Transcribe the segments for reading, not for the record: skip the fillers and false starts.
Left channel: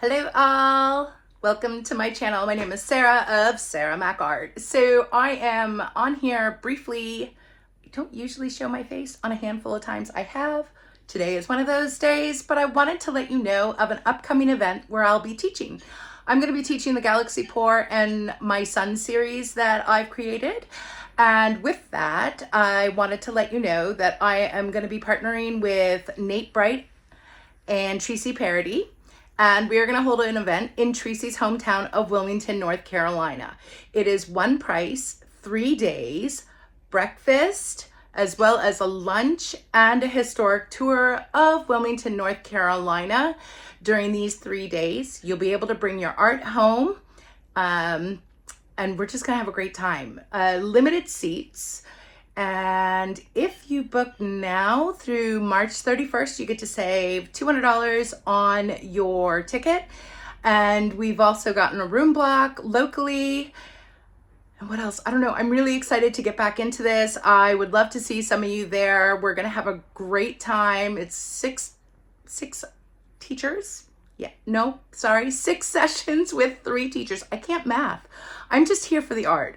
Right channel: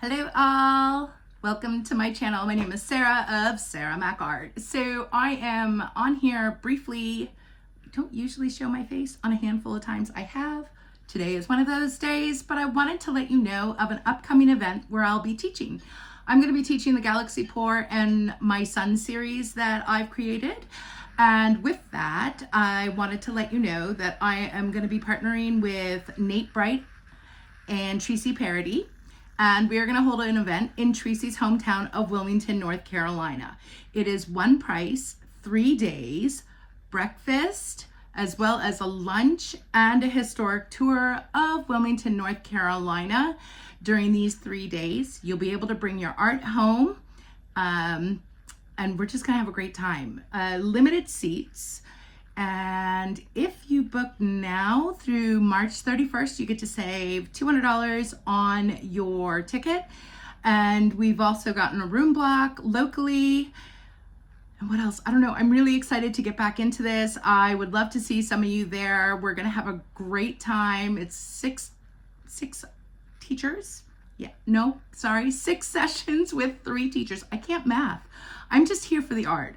Hello all, welcome to my channel. My name is Sarah of Sarah Mack Art. So I am on here briefly. I don't usually show my face. On a handful of times I have. Today is one of those days, but I wanted to let you know of an upcoming event where I'll be teaching. I'm going to be teaching the Galaxy Pour and my Sun series that I've created. And with that, I wanted to let you know that I am going to be partnering with Nate Bright and Tressie Parody. And we are going to hold an event in Tressie's hometown of Wilmington, North Carolina. It is one price, 3 days, breakfast, as well as a lunch and a historic tour of Wilmington, North Carolina. During these 3 days, you'll be able to bring your art home, and we're just going to have a great time. Limited seats. And if you book now through March 31st, you get to save $200 on your ticket. And we've also gotten a room block locally. And what else? I don't know. I'm really excited to get back into this. I would love to see some of you there. We're going to have a great time. It's six teachers. Yeah, no, sorry, 6 sessions with 3 teachers. I can't math. I'm just here for the art.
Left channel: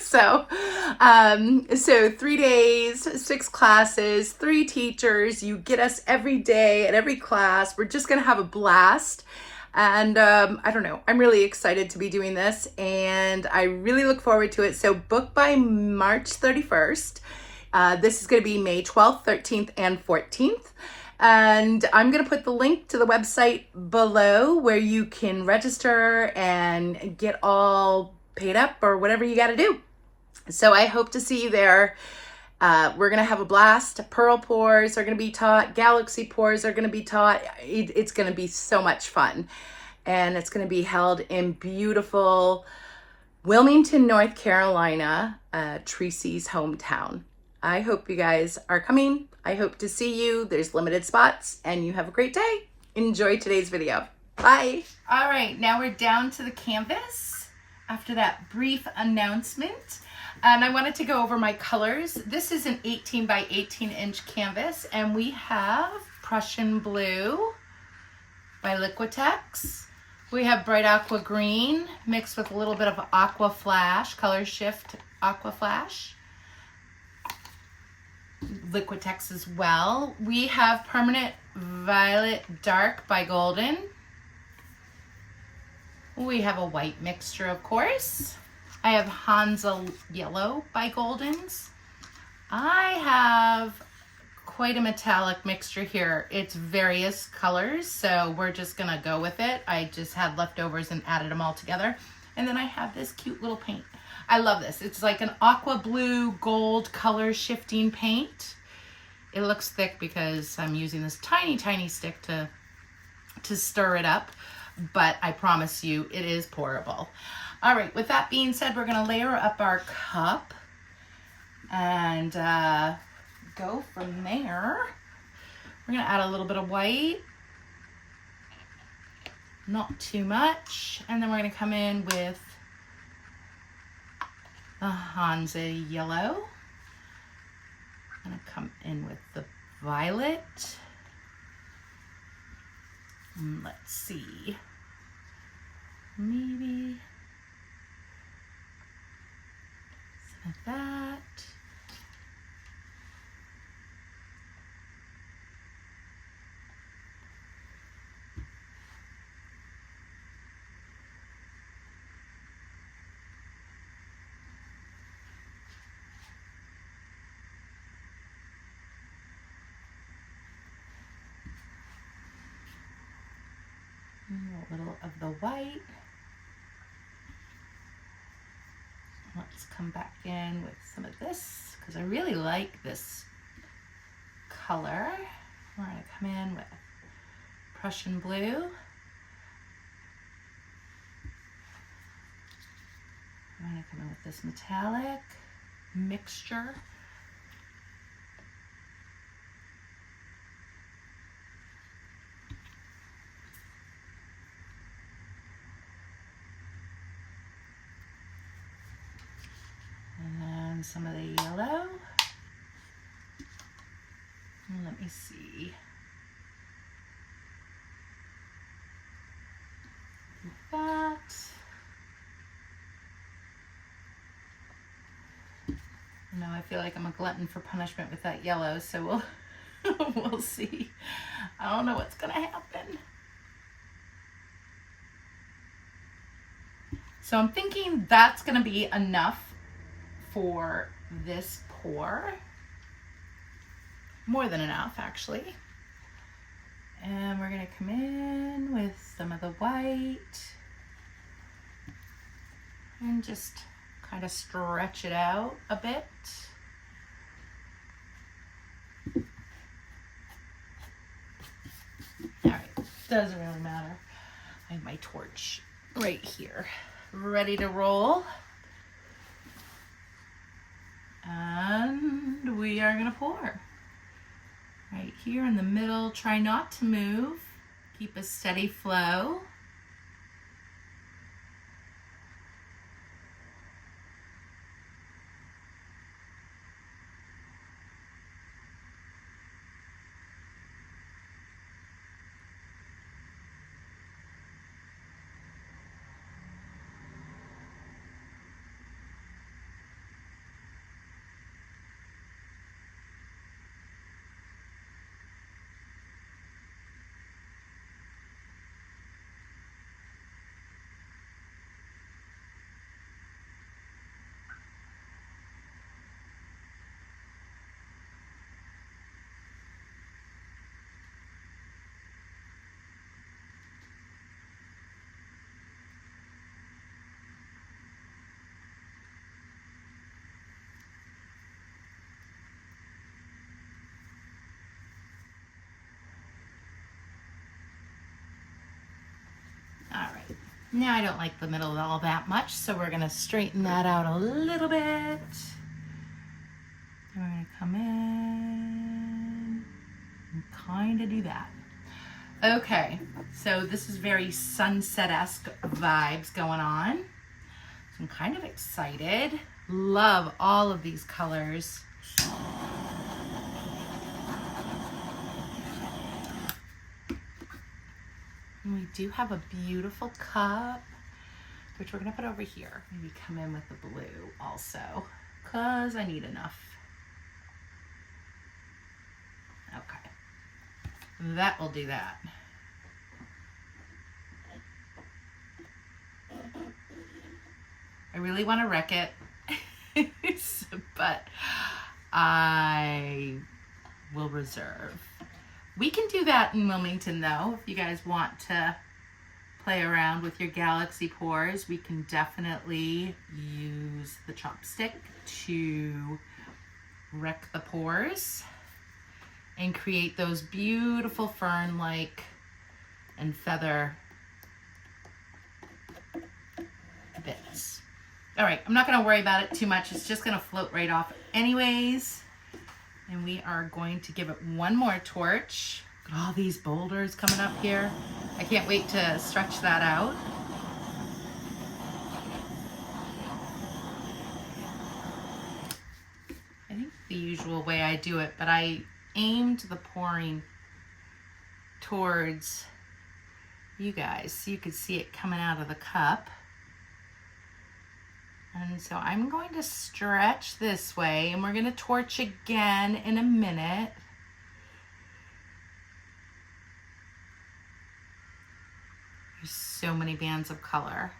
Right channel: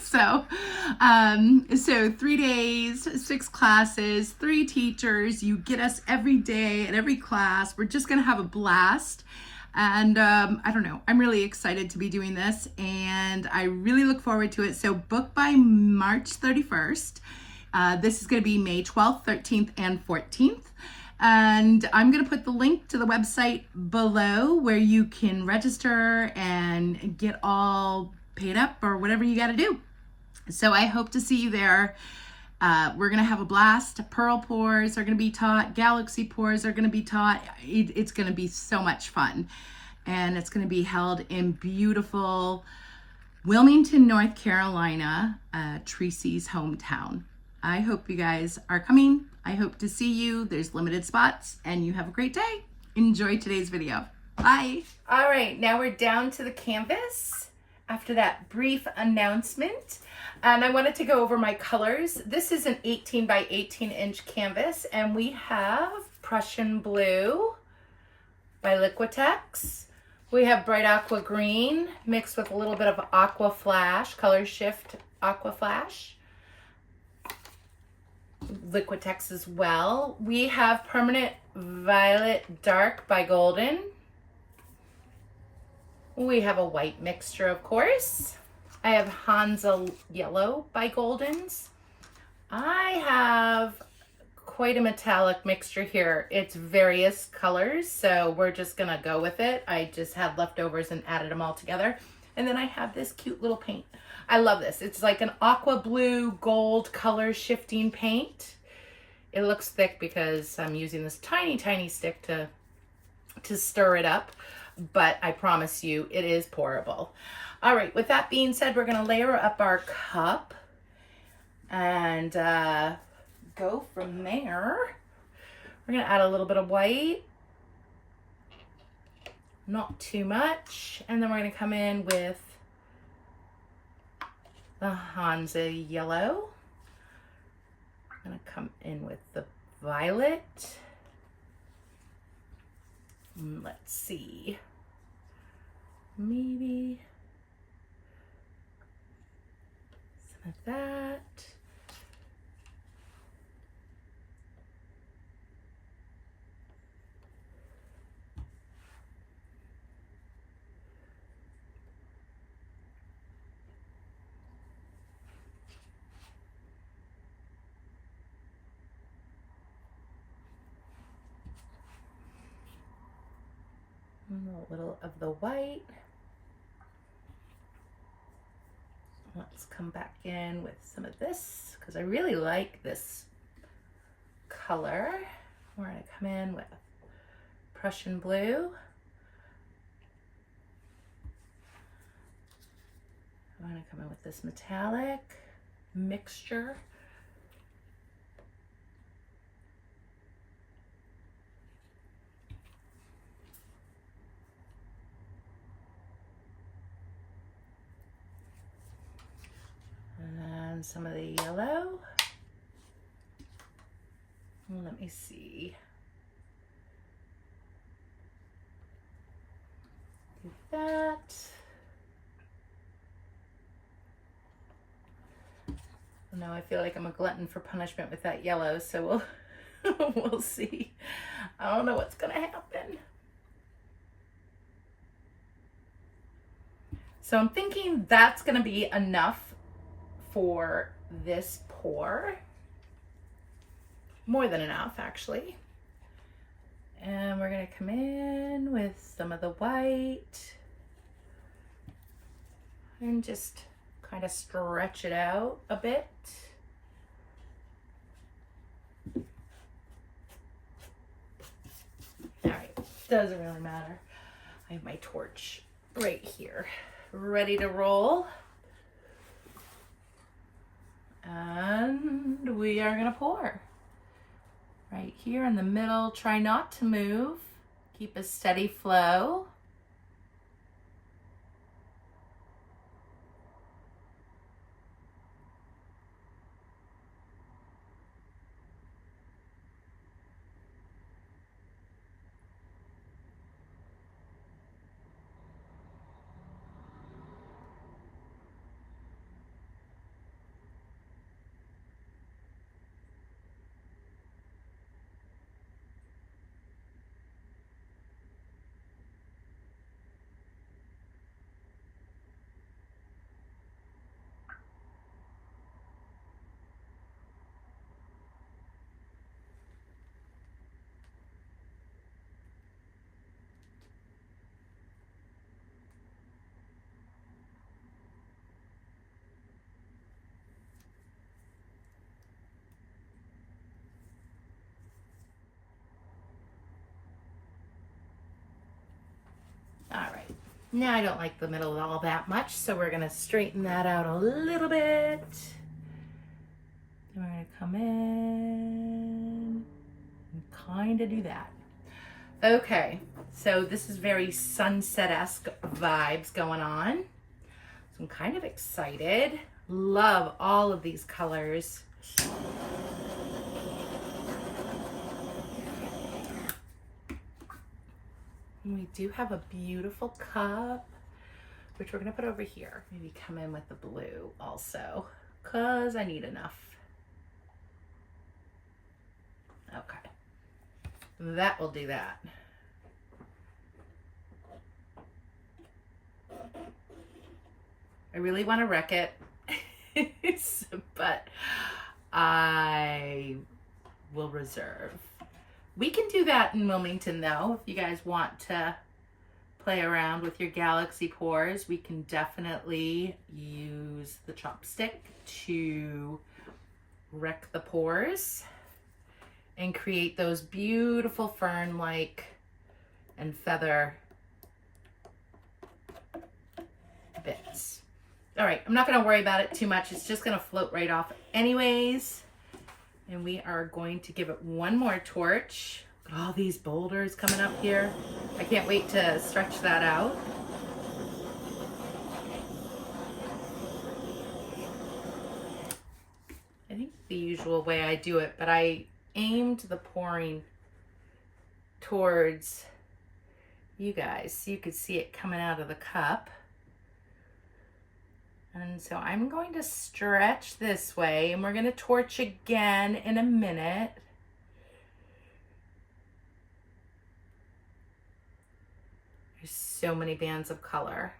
So 3 days, 6 classes, 3 teachers. You get us every day at every class. We're just gonna have a blast. And I don't know, I'm really excited to be doing this and I really look forward to it. So book by March 31st. This is gonna be May 12th, 13th, and 14th. And I'm going to put the link to the website below where you can register and get all paid up or whatever you got to do. So I hope to see you there. We're going to have a blast. Pearl pours are going to be taught. Galaxy pours are going to be taught. It's going to be so much fun. And it's going to be held in beautiful Wilmington, North Carolina, Tressie's hometown. I hope you guys are coming. I hope to see you. There's limited spots and you have a great day. Enjoy today's video. Bye. All right, now we're down to the canvas after that brief announcement. And I wanted to go over my colors. This is an 18 by 18 inch canvas and we have Prussian blue by Liquitex. We have bright aqua green mixed with a little bit of aqua flash, color shift aqua flash. Liquitex as well. We have permanent violet dark by Golden. We have a white mixture, of course. I have Hansa yellow by Goldens. I have quite a metallic mixture here. It's various colors, so we're just gonna go with it. I just had leftovers and added them all together. And then I have this cute little paint. I love this. It's like an aqua blue gold color shifting paint. It looks thick because I'm using this tiny, tiny stick to stir it up, but I promise you it is pourable. All right, with that being said, we're gonna layer up our cup and go from there. We're gonna add a little bit of white, not too much, and then we're gonna come in with the Hansa yellow. I'm gonna come in with the violet. Let's see, maybe some of that. A little of the white. Let's come back in with some of this because I really like this color. We're going to come in with Prussian blue. I'm going to come in with this metallic mixture. Some of the yellow. And let me see. that. Now I feel like I'm a glutton for punishment with that yellow, so we'll see. I don't know what's gonna happen. So I'm thinking that's gonna be enough for this pour. More than enough, actually. And we're gonna come in with some of the white and just kind of stretch it out a bit. All right, doesn't really matter. I have my torch right here, ready to roll. And we are gonna pour. Right here in the middle, try not to move. Keep a steady flow. All right, now I don't like the middle all that much, so we're gonna straighten that out a little bit. We're gonna come in and kind of do that. Okay, so this is very sunset-esque vibes going on. So I'm kind of excited. Love all of these colors. And we do have a beautiful cup, which we're gonna put over here. Maybe come in with the blue also, because I need enough. Okay, that will do that. I really want to wreck it, but I will reserve. We can do that in Wilmington though. If you guys want to play around with your galaxy pours, we can definitely use the chopstick to wreck the pores and create those beautiful fern-like and feather bits. All right, I'm not gonna worry about it too much. It's just gonna float right off anyways. And we are going to give it one more torch. Look at all these boulders coming up here. I can't wait to stretch that out. I think the usual way I do it, but I aimed the pouring towards you guys so you could see it coming out of the cup. And so I'm going to stretch this way, and we're going to torch again in a minute. There's so many bands of color.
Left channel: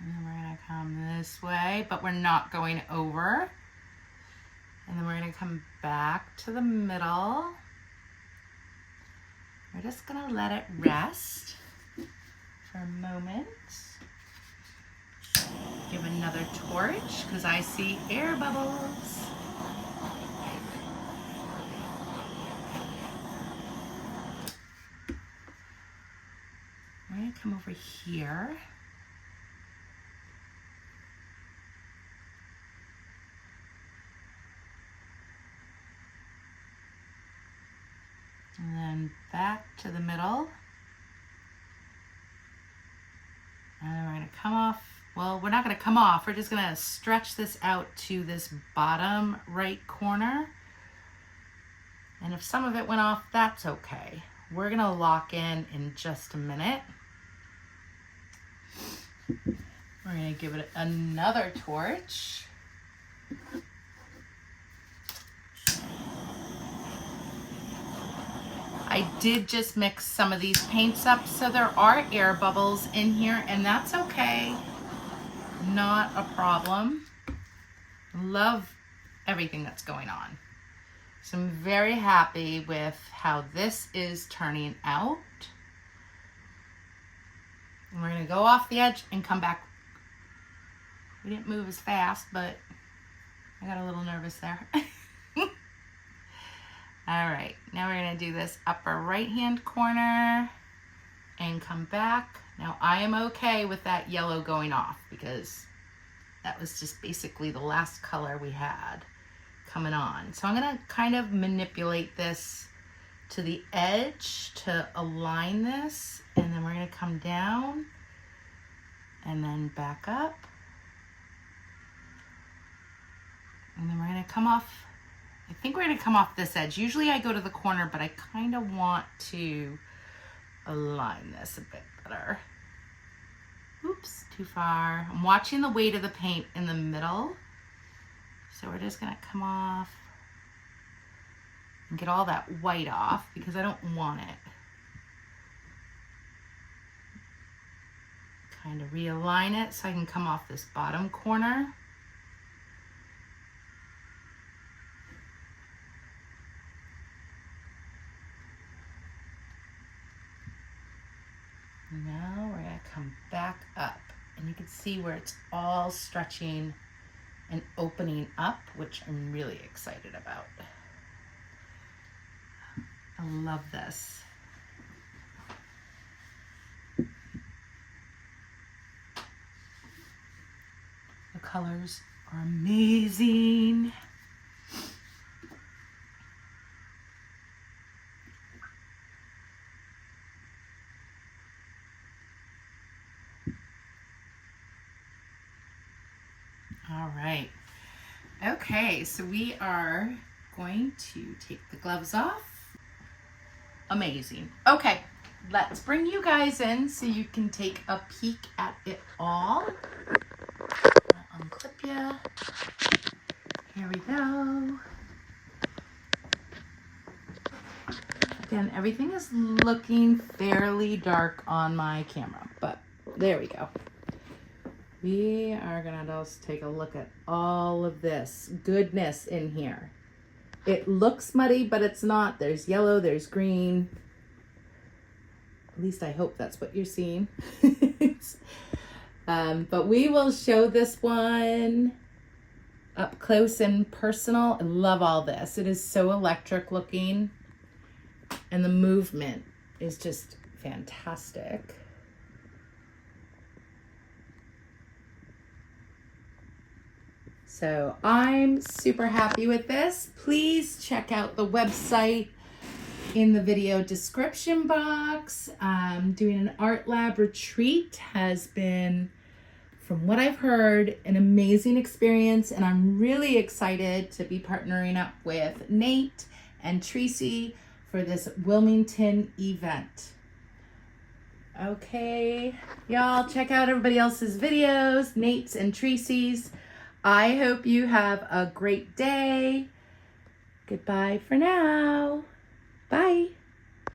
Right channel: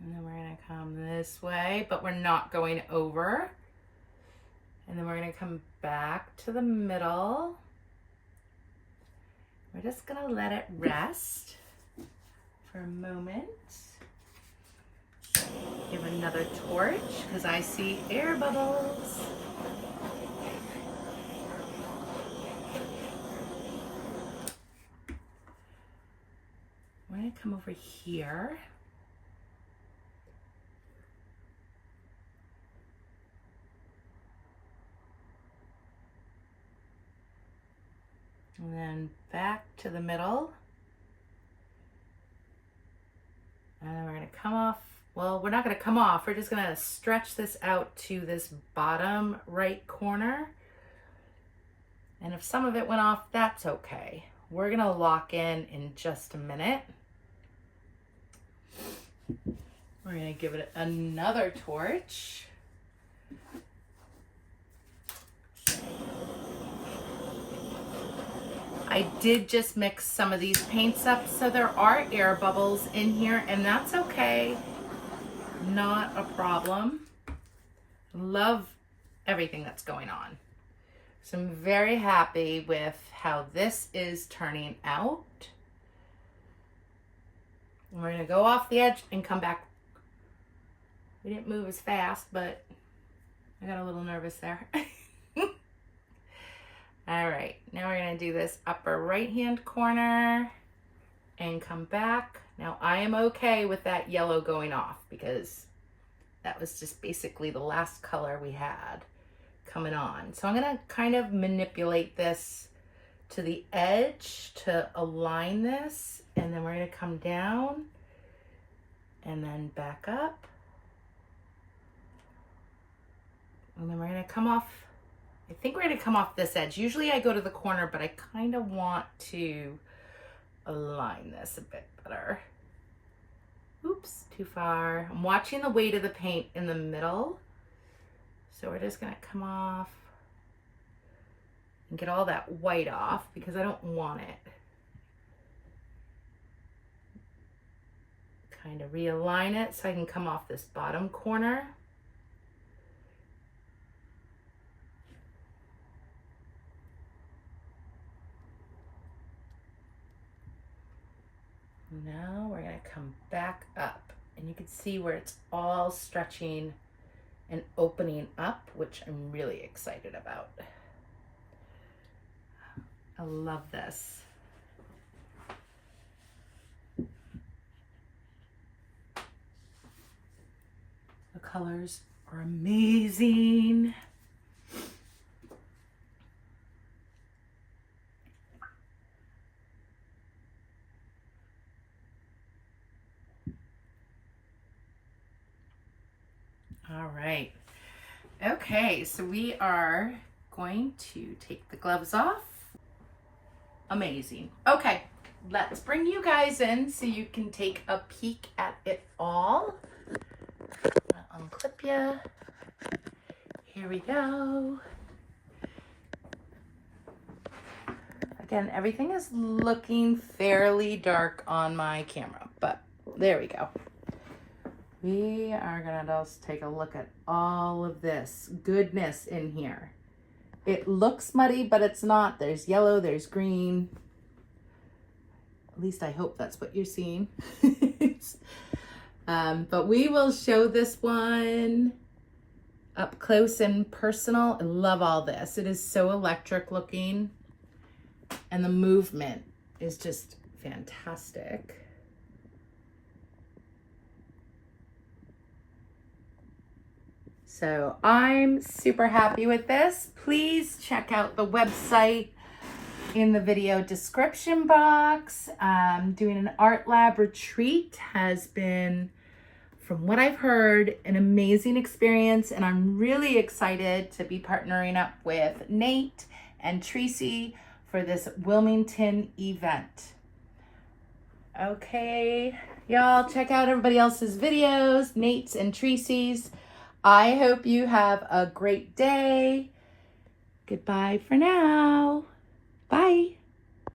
And then we're going to come this way, but we're not going over. And then we're going to come back to the middle. We're just going to let it rest for a moment. Give another torch because I see air bubbles. We're going to come over here. And then back to the middle. And then we're going to come off. Well, we're not going to come off. We're just going to stretch this out to this bottom right corner. And if some of it went off, that's okay. we're gonna lock in just a minute. We're gonna give it another torch. I did just mix some of these paints up, so there are air bubbles in here, and that's okay. Not a problem. Love everything that's going on. So I'm very happy with how this is turning out. And we're gonna go off the edge and come back. We didn't move as fast, but I got a little nervous there. All right, now we're gonna do this upper right-hand corner and come back. Now I am okay with that yellow going off because that was just basically the last color we had coming on. So I'm gonna kind of manipulate this to the edge to align this, and then we're gonna come down and then back up. And then we're gonna come off, I think we're gonna come off this edge. Usually I go to the corner, but I kind of want to align this a bit better. Oops, too far. I'm watching the weight of the paint in the middle. So we're just gonna come off and get all that white off because I don't want it. Kind of realign it so I can come off this bottom corner. Now we're gonna come back up, and you can see where it's all stretching and opening up, which I'm really excited about. I love this. The colors are amazing. All right. Okay, so we are going to take the gloves off. Amazing. Okay, let's bring you guys in so you can take a peek at it all. I'll unclip you. Here we go. Again, everything is looking fairly dark on my camera, but there we go. We are gonna just take a look at all of this goodness in here. It looks muddy, but it's not. There's yellow, there's green. At least I hope that's what you're seeing. But we will show this one up close and personal. I love all this. It is so electric looking, and the movement is just fantastic. So I'm super happy with this. Please check out the website in the video description box. Doing an art lab retreat has been, from what I've heard, an amazing experience, and I'm really excited to be partnering up with Nate and Tressie for this Wilmington event. Okay, y'all check out everybody else's videos, Nate's and Tressie's. I hope you have a great day. Goodbye for now. Bye.